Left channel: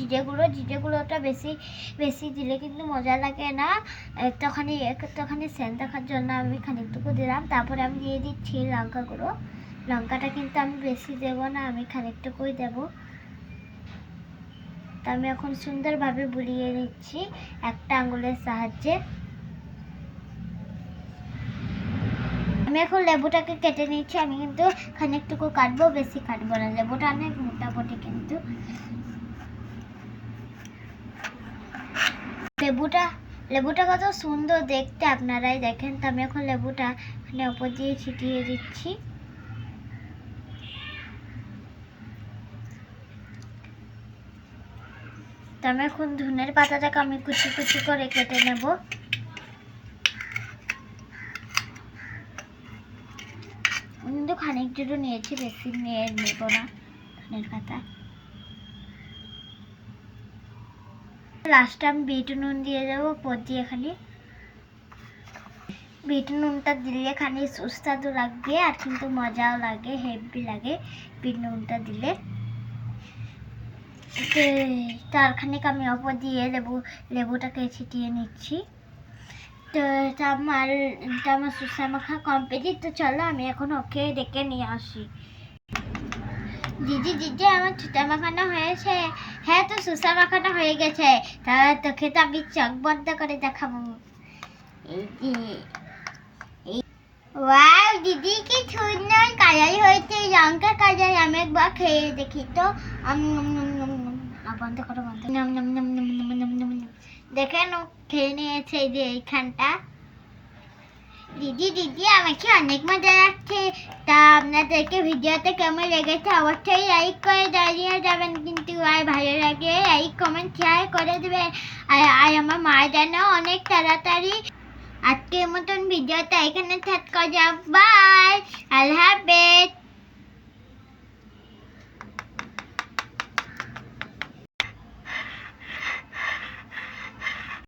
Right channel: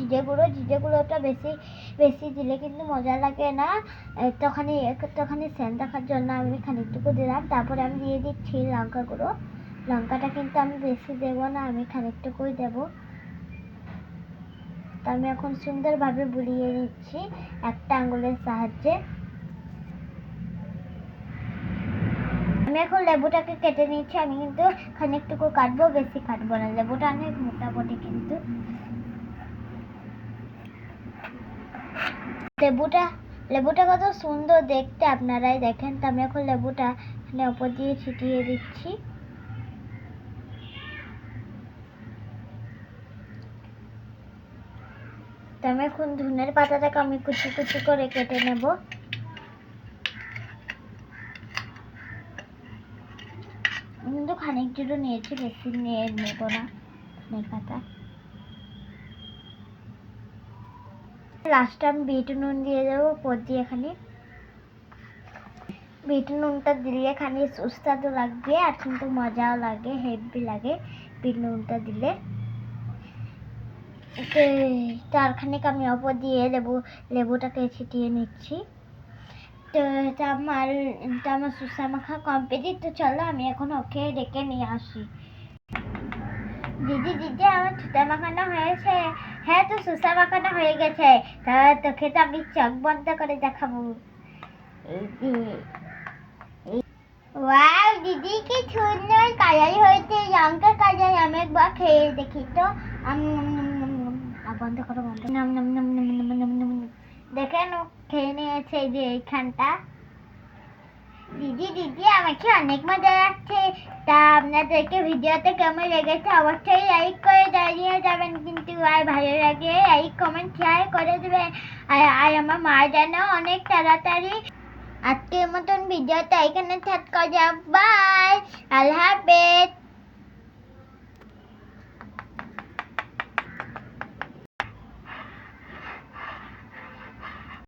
জিরে গুঁড়োটা বেশি বেশি দিলে কিন্তু মজা লাগে না, একটুখানি সেন্ট দেখার জন্য আমি খানিকটুকু দিলাম। তারপরে আমি দিয়ে দিচ্ছি লঙ্কা গুঁড়ো। লঙ্কাটা কিন্তু আমি বেশি দেবো না, আমি খানিকটুকুই দেবো। তো আমি এখন সুন্দরভাবে বুলিয়ে নিচ্ছি একটা আঙুলের সাহায্যে। আমি এখন লেবুটাকে কেটে নিচ্ছি। আমি কিন্তু খানিকটুকু কাটবো, বেশি কাটবো না, লেবুটা অনেক মোটামুটি। কিন্তু লেবুটা কত সুন্দর দেখতে, আপনারাই দেখেন। তো আমি এখন লেবুটা এখানে উপর দিয়ে ছিটিয়ে দিচ্ছি। তো আমি এখন ধনের পাতাটাকে আমি কুচি কুচি করে কেটে নেব। কিন্তু খানিকটুকু নিয়েছি, বেশি নিয়ে নেব না ধনের পাতা। লাস্টে আমি বিট নুন দিয়ে দেবো উপর দিয়ে। এখানে বিট নুনটা দিলে খানি সুস্বাদু লাগবে, আর কিন্তু মজাও লাগে, হেভি লাগে বিট নুনটা দিলে। তার খানিক আমি অপর দিয়ে লেবুটাকে ছিটিয়ে নিচ্ছি। তো এটা আমার সুসা মাখা কমপ্লিট। তো চলো আমি এখন ওকে ডেকে নিয়ে আসি। দিদি আমার সুসা মাখানো হয়েছে। হ্যাঁ, তো সুসা মাখানো হয়ে গেছে। তাহলে তোকে তো আমি চোখ বন্ধ করে দেখাবো। ওয়াও দিদি, কি সুন্দর কালার হয়েছে, লঙ্কা কালার। আমি একবার খেয়ে দেখি তো। বন্ধ করো, বন্ধ। দেখেন ও খেয়ে নিয়েছে, এই যে এইখানটা। দিদি আমাকে অনেক মজা লাগছে। তা আপনাদেরকে ভিডিওতে কেমন লেগেছে অবশ্যই লাইক করে জানিয়ে যাবেন কিন্তু। আর ভালো লাগে লাইক কমেন্ট শেয়ার করে দেবেন। আর আমার মা যেন অনেক তাড়াতাড়ি। আজকের মতন ভিডিওটা এখানে শেষ করা যাক। বাই। আল্লাহ।